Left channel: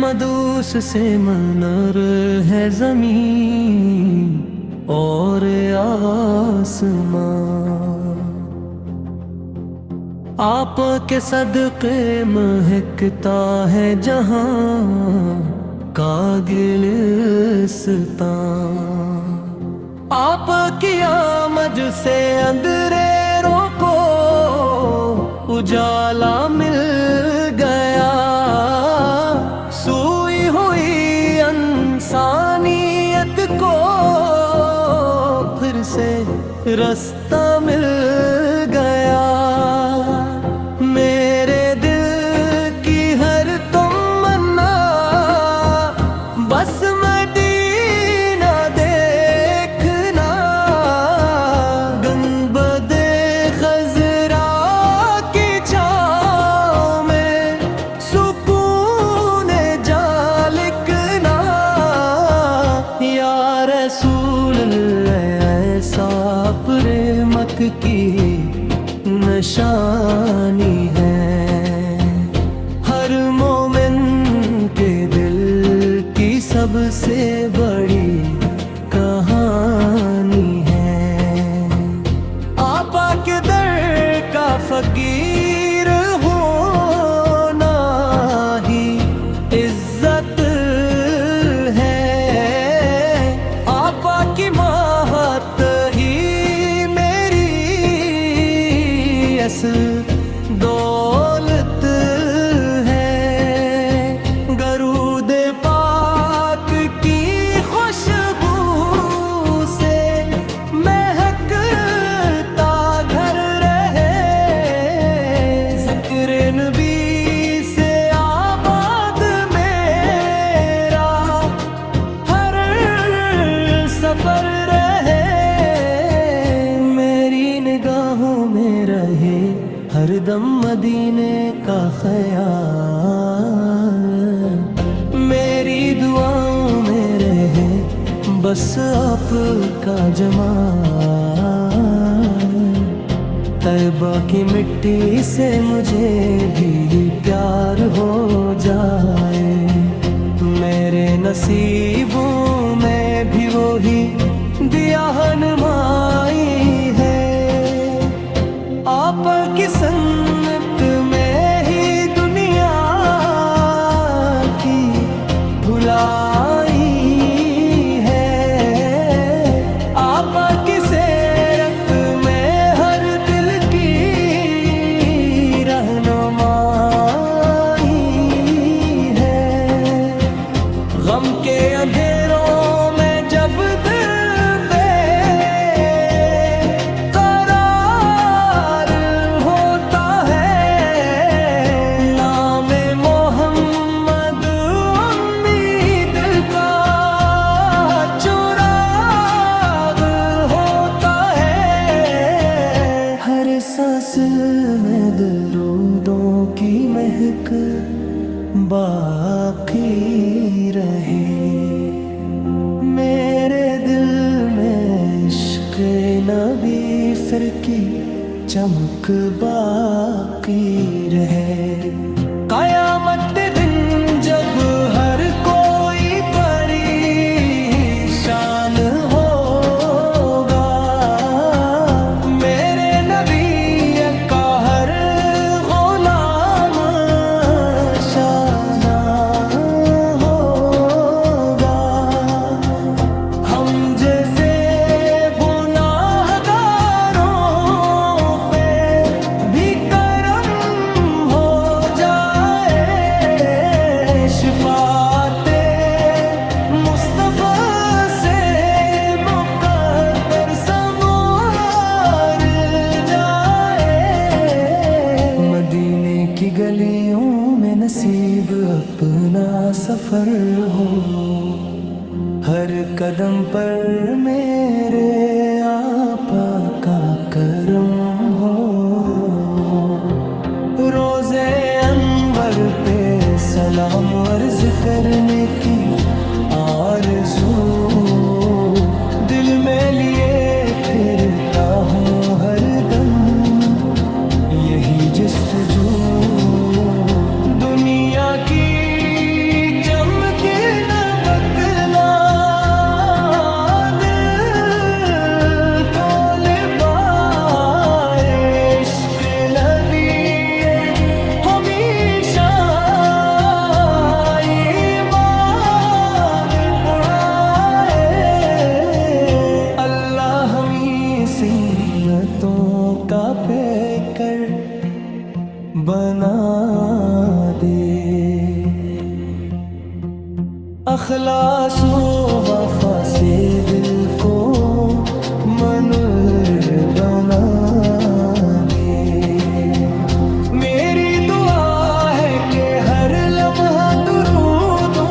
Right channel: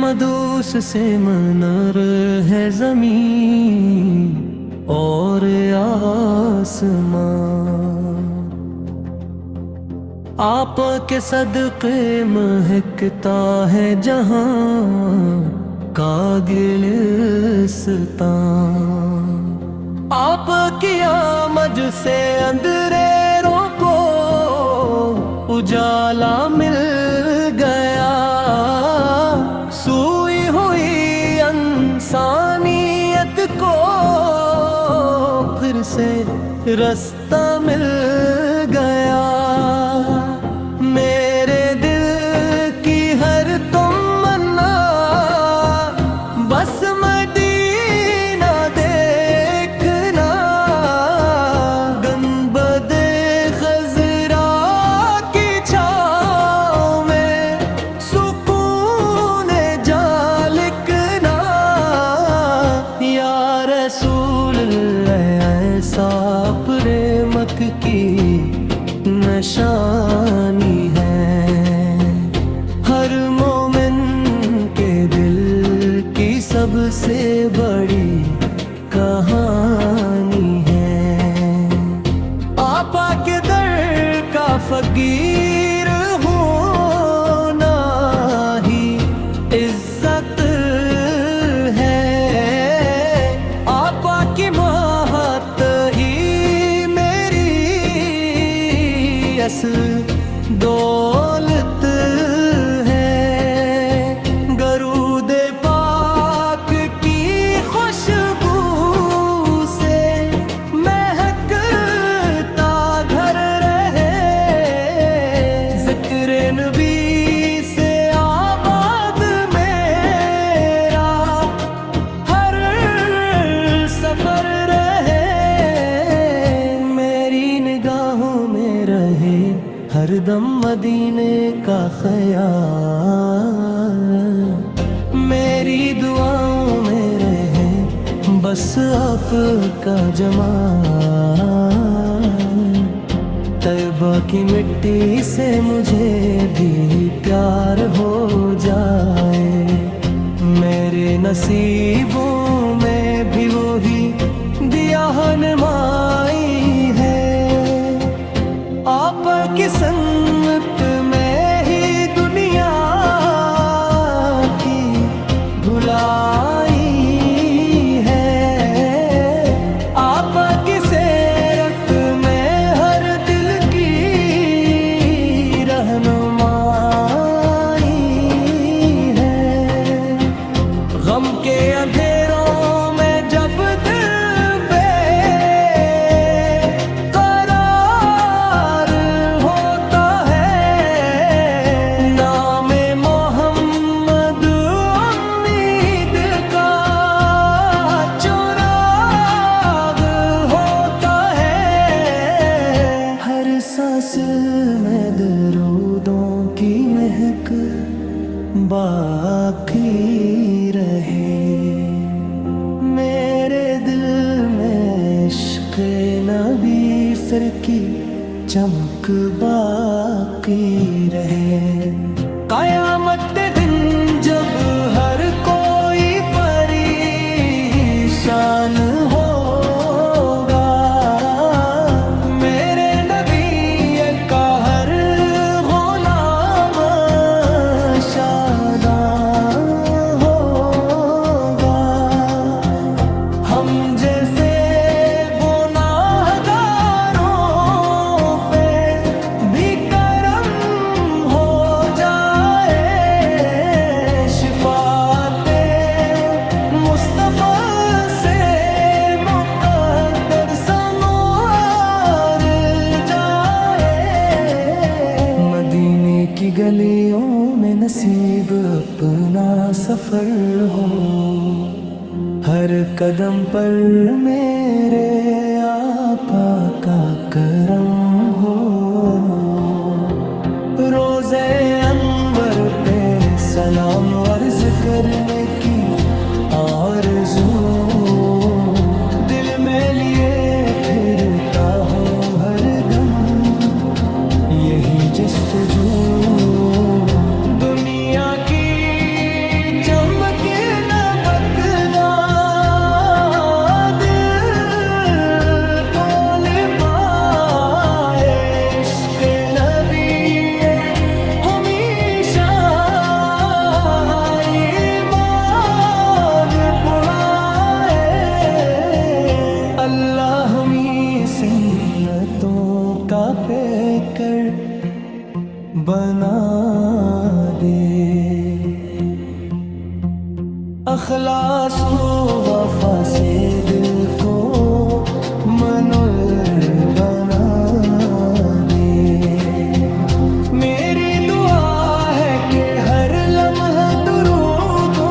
مدوس سے منر ہے زمین اور آسمان، آپ کے صدقے مہکتا ہے جہاں کا گلستان، آپ کی آمد سے اندھیروں کو اجالا مل گیا، سوئی ہوئی انسانیت کو پھر سے رستہ مل گیا، میرے دل کی ہر تمنا بس مدینہ دیکھنا، گنبد خضرا کی چھاؤں میں سکون جا لکھنا، یا رسول اللہ ایسا پریمک کی نشانی ہے، ہر مومن کے دل کی سب سے بڑی کہانی ہے، آپا کے در کا فقیر ہونا ہی عزت ہے، آپا کی محبت ہی اصل دولت ہے، درود پاک کی خوشبو سے مہکتا گھر رہے، ذکر نبی سے آباد میرا ہر سفر رہے، میری نگاہوں میں رہے ہر دم مدینے کا خیال، میری دعاؤں میں رہے بس آپ کا جمال، طیبہ کی مٹی سے مجھے بھی پیار ہو جائے، میرے نصیبوں میں بھی وہی دیا نمائی ہے، آپ کی سنت میں ہی دنیا کی بھلائی ہے، آپ کی سیرت میں ہر دل کی رہنمائی ہے، غم کے اندھیروں میں جب دل سانس میں درودوں کی مہک باقی رہے، میرے دل میں عشق نبی سر کی چمک باقی رہے، قیامت دن جب ہر کوئی پریشان ہوگا، شفاعت مصطفیٰ سے مقدر سنوار جائے، مدینے کی گلیوں میں نصیب اپنا سفر ہو، ہر قدم پر میرے آقا کا کرم ہو، روزے انور پہ سلام عرض کرنے کی آرزو دل میں لیے پھرتا ہوں ہر دم، یہی جستجو دنیا کی چمکے نہ بکنا دل کو لبائے عشق نبی ہمیشہ ایمان بڑھائے اللہ ہمیں سنتوں کا پیکر بنا دے اخلاص و وفا سے دل کو منور بنا دے میری دعا ہے کہ ہر لمحہ درودوں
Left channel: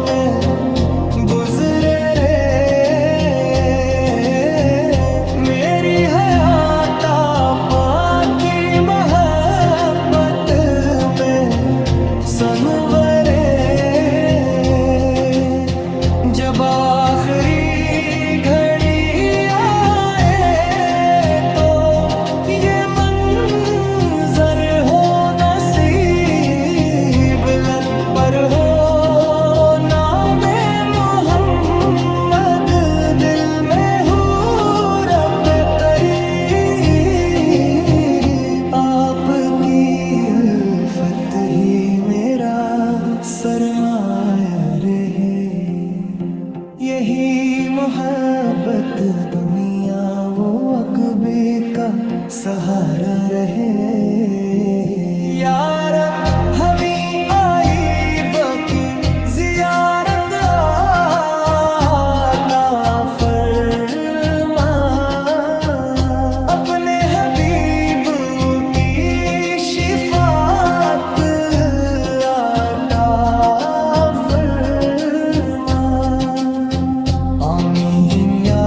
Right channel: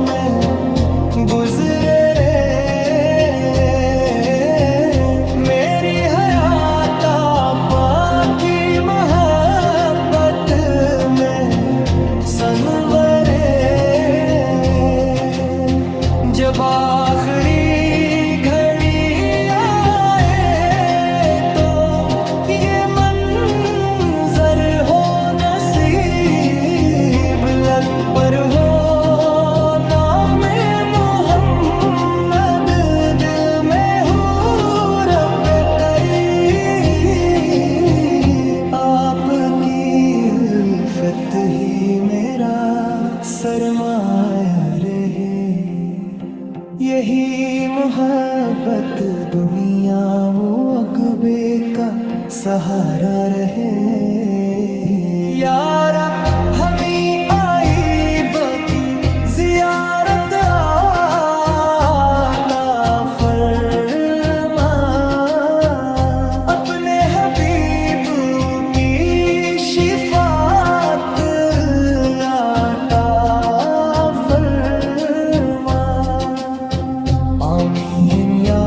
میں گزرے رے میری حیات آقا کی محبت میں سنورے جب آخری گھڑی آئے تو یہ منظر ہو نصیب لب پر ہو نام محمد دل میں ہو رب قریب آپ کی الفت ہی میرا سرمایہ رہے یہی محبت دنیا و عقبے کا سہارا رہے یا رب ہمیں آئی بکی زیارت عطا فرما اپنے حبیب کی شفاعت عطا آمین یا